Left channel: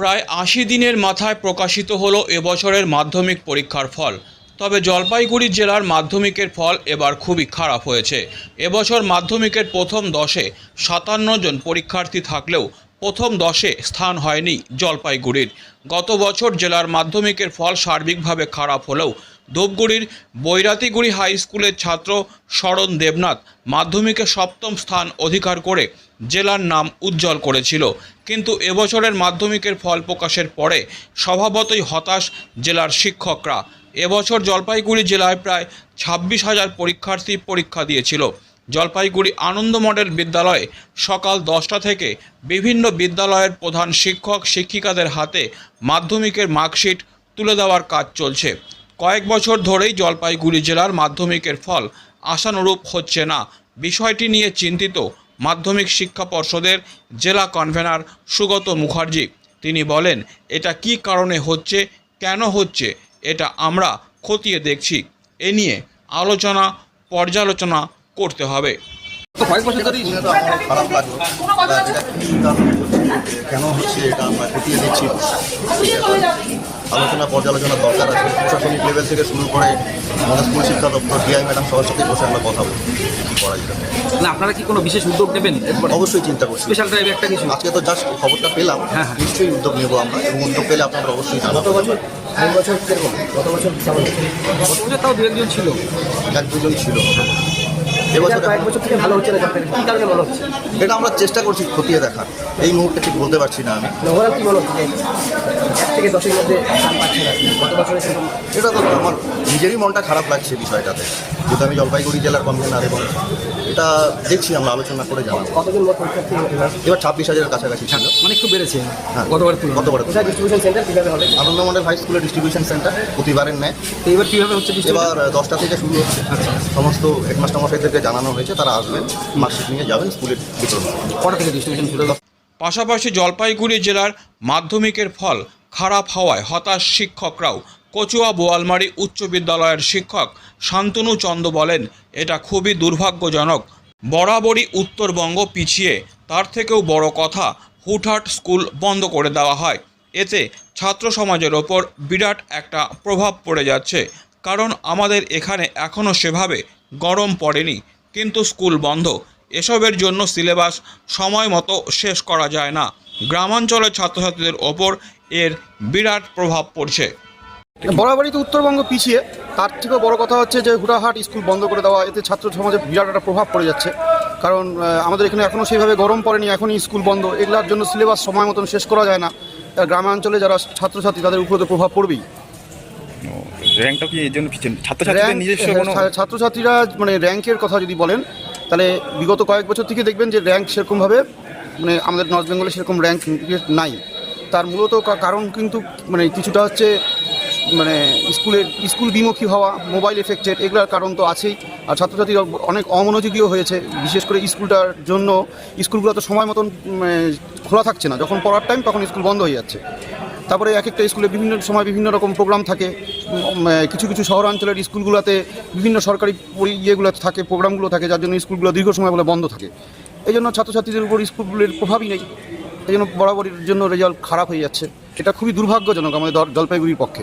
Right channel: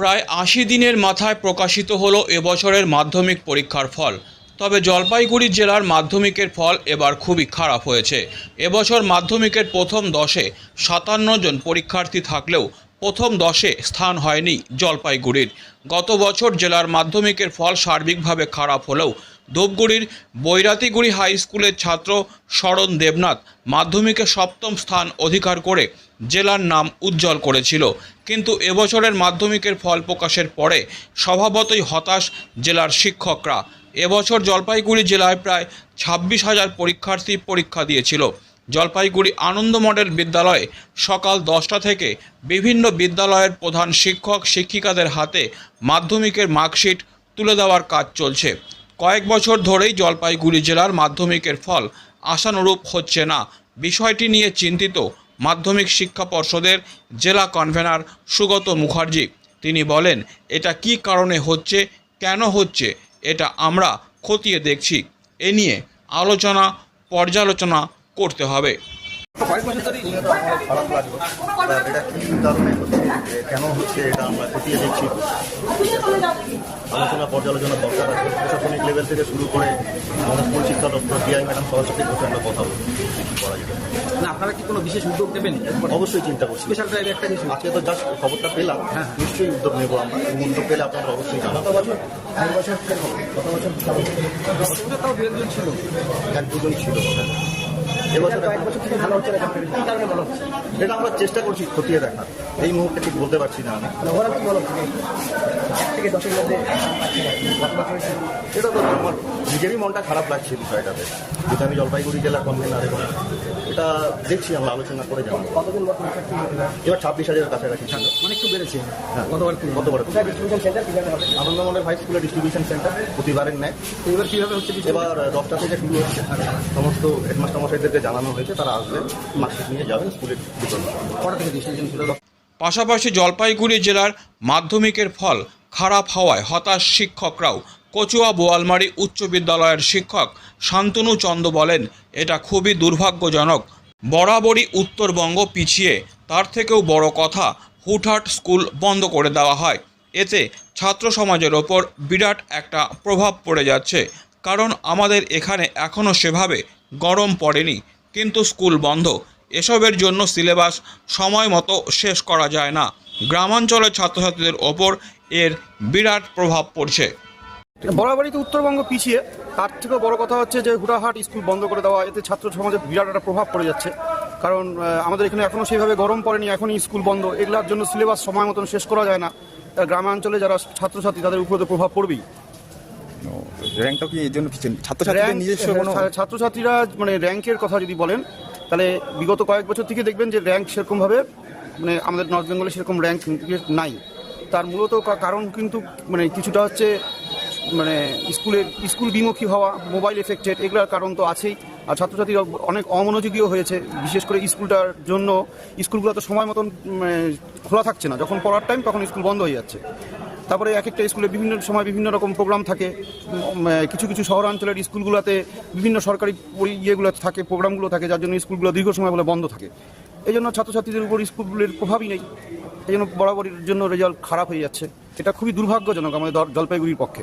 প্রায় আশি দিনের মাথায় প্রকাশিত হল এবছরের মাধ্যমিক পরীক্ষার ফল। তবে জলপাইগুড়ি জেলার মাধ্যমিকের ফল এবার খুবই খারাপ হয়েছে। এবছর মাধ্যমিকের প্রথম দশে সাতান্ন জন পরীক্ষার্থী থাকলেও প্রথম দশে স্থান হয়নি জলপাইগুড়ির। গত বছর জেলার মাধ্যমিকের ফল সার্বিকভাবে খারাপ হলেও ধূপগুড়ির বৈরাতিগুড়ি হাই স্কুলের ছাত্র শরণ দেবনাথ মাধ্যমিকে সপ্তম স্থান অধিকার করে জেলার নাম উজ্জ্বল করেছিল। কিন্তু এবছরের মাধ্যমিকের ফল প্রকাশের পরে স্বভাবতই হতাশ জেলার শিক্ষকরা। এবছর জলপাইগুড়ি জেলায় প্রায় ছাব্বিশ হাজার পরীক্ষার্থী পরীক্ষা দিয়েছিল। জলপাইগুড়ি আনন্দ মডেল বিদ্যালয়ে সকাল দশটা থেকে বিভিন্ন বিদ্যালয়ের প্রধান শিক্ষক শিক্ষিকাদের হাতে মাধ্যমিকের মার্কশিট তুলে দেওয়ার কাজ চলছে। কয়েক বছর ধরেই জলপাইগুড়ি জেলার মাধ্যমিকের ফল আশানুরূপ হচ্ছে না। বিষয়টি নিয়ে চিন্তিত মাধ্যমিক শিক্ষা পর্ষদের জেলা কনভেনার সুগত মুখার্জি। তিনি বলেন এটা কি কারণে হচ্ছে? কেন হচ্ছে? এটা আমরা খতিয়ে দেখছি। এ নিয়ে আলোচনা পর্যালোচনা করতে হবে। কয়েক বছর ধরেই খারাপ লাগল কেন হচ্ছে এটা আমরা খতিয়ে দিচ্ছি আলোচনা পর্যালোচনা দরকার আছে। প্রশাসনিক লেভেল থেকে শুরু করে আমাদের স্কুল শিক্ষা দপ্তর ডিআই ম্যাডাম সবার সাথে বসে আমরা কথা বলব। কী করা যায়। না আপনারা কি কোনো বিশেষ উদ্যোগ নেবেন অবশ্যই চিন্তা করছি। স্পেশাল ড্রাইভ একটা কিছু। আজকে তো জাস্ট খবরটা পেলাম। হ্যাঁ, হ্যাঁ। নিশ্চয়ই উদ্যোগ নেব আমরা। এবং উদ্যোগ পেলে আপনারা অবশ্যই জানাব বছর বছর গত বছর গত বছর তাও দু একজন ছিল। যাক দুজন ছিল। এটা এবছর কয়েক বছর থেকে ভালো হচ্ছে না চাকরি কি কারণে মনে হচ্ছে? এটা আমরা চেষ্টা করছি খতিয়ে দেখার। এই মুহূর্তে ঠিক বলতে পারছি না আমি। মানে ওভারঅল কি এক থেকে দশের মধ্যে স্থান পাচ্ছে না। গত বছরে সেরকম তো আমার নিজেরই মনটা খারাপ লাগছে বিষয়টাতে। যেহেতু আমি জলপাইগুড়ি জেলার কনভেনার এবং এটা দেখছি আমরা আলোচনা করে কতজন পরীক্ষার্থী এবার এবার ছাব্বিশ হাজারের কাছাকাছি। ছিল মানে একটু বেড়েছে। হ্যাঁ। গতবার গতবার কোথায় ডিস্ট্রিবিউশন সেন্টার কীভাবে হবে? Anandamandal high school distribution center প্রতিবারের ন্যায়। তো এবার কীভাবে হচ্ছে? এবার দশটা থেকে শুরু হচ্ছে। আচ্ছা। সমস্ত হেডমাস্টার মশাইদেরকে জানানো হয়েছে তারা আসবেন মার্কশিট নিয়ে যাবেন স্কুলের ভিতরে। কটা থেকে ডিস্ট্রিবিউশন শুরু? পাশাপাশি জলপাইগুড়ি জেলার মাধ্যমিকের ফল খারাপ হওয়ায় হতাশ শিক্ষকরাও। কচুয়া বোয়ালমারি উচ্চ বিদ্যালয়ের শিক্ষক শান্তনু চন্দ বলেন, এটা খুবই দুর্ভাগ্যজনক। বরাবরই উত্তরবঙ্গ পিছিয়ে। তার থেকেও বড় কথা, হুটহাট স্কুল বন্ধ করে দেওয়া হয়। এতে ছাত্র সমাজের ওপর বিরাট একটা প্রভাব পড়ে যাচ্ছে। কারণ আমাদের এখানে এখনও সেভাবে গরম পড়েনি। কিন্তু স্কুল বন্ধ এসবের জন্য সিলেবাস সময় মতো শেষ করা যায় না। গ্রামাঞ্চলের ছাত্রছাত্রীদের ওপর এর বিরাট প্রভাব পড়ছে। বরাবরই তো উত্তরবঙ্গ পিছিয়ে তার থেকেও বড় কথা হচ্ছে যে হুটাহাট স্কুল বন্ধ করে দেওয়া এতে ছাত্র সমাজে বিরাট একটা প্রভাব পড়ে যাচ্ছে। কারণ আমাদের এখানে এখনও সেইভাবে গরম পড়েনি এখনই স্কুল বন্ধ। এগুলোর জন্য সিলেবাস সময় মতন শেষ করা যায় না। আর গ্রামাঞ্চলে যারা ছাত্রছাত্রী তাদের উপরে তো প্রভাব পড়বেই। র্যাঙ্কটা কি এই জন্য পিছিয়ে? নিজস্ব ছাত্রছাত্রীরা মানে র্যাঙ্কের কথা যদি বলেন তাহলে বিগত কয়েক বছর থেকে দেখবেন যে র্যাঙ্ক সেরকমভাবে মানে আমাদের নর্থ বেঙ্গলে সেরকম র্যাঙ্ক নাই। তার মূলত কারণ কিন্তু মানে কিছুটা হচ্ছে মানে স্কুলের, স্কুল বিমুখী হওয়া মোবাইল এফেক্টেড এগুলোর কারণ তো আছেই। আর ছাত্রছাত্রীরা অনেক অমনোযোগীও হয়েছে, বিশেষ করে স্কুলটার জন্য। স্কুলগুলো তো সময় মতন খোলা থাকছে না। যখন পড়ার টাইম তখন স্কুল বন্ধ হয়ে যাচ্ছে। তারপরে এক একটা স্কুলে বিভিন্ন সময় বিভিন্ন রকম প্রোগ্রাম থাকে। কিছু কিছু শহরাঞ্চলের স্কুলগুলোতে বিভিন্ন সরকারি ইয়েগুলো থাকে প্রোগ্রামগুলো থাকে, যার জন্য স্কুলগুলো দীর্ঘ সময় বলে বন্ধ থাকে। এই জন্য ছাত্রছাত্রীদের উপর স্কুলগুলোর প্রভাবই নেই। এই জন্য বরাবরের জন্য রেজাল্ট খারাপ হয়ে যাচ্ছে। এটা খুবই দুর্ভাগ্যজনক আমাদের জলপাইগুড়ির পক্ষে।